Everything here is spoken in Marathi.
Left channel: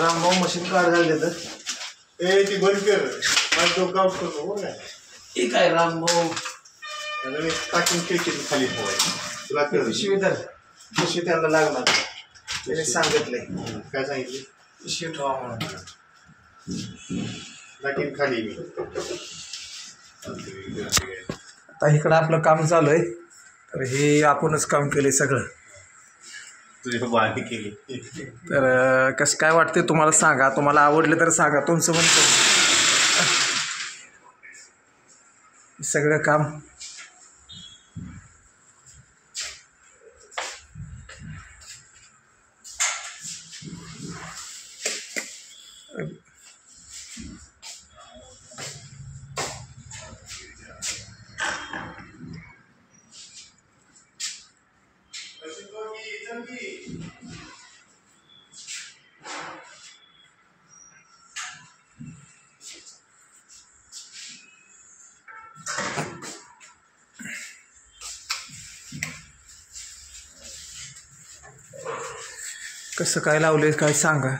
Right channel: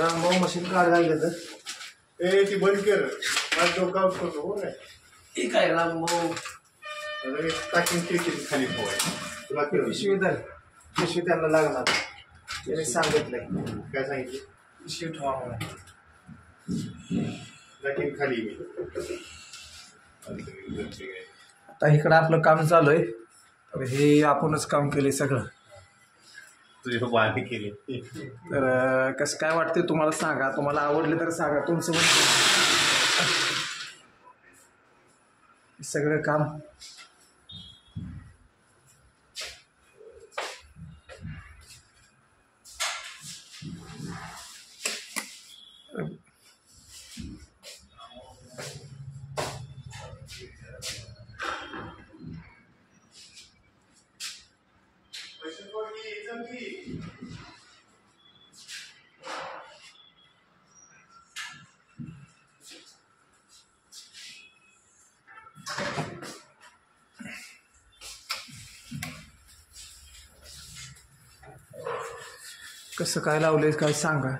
रामभाऊ मशीन काढ झाले तर ती बंद कर माझं डोकं आउट करतो हो ना. ठीक आहे रामभाऊ. टाकीन खिडकीत खाली पोहाय तुला कळलं. पिशवी धर. पिशवी त्यांना लागणार त्याने सांगितलंय. काय सांगितले? पिशवी ठेवा म्हणून. टाकीन खाली मी. आता इकडं आपलं काम चालू आहे. तर हे आपणच काम केले सगळं. तुझ्या बाहेर केली. तर कसं काय वाटते तुम्हाला सांगा. तुम्हाला आवडलं तर सांगा. तुमचं म्हणतो सगळं काम कसं काय लावलंय काय सांगा.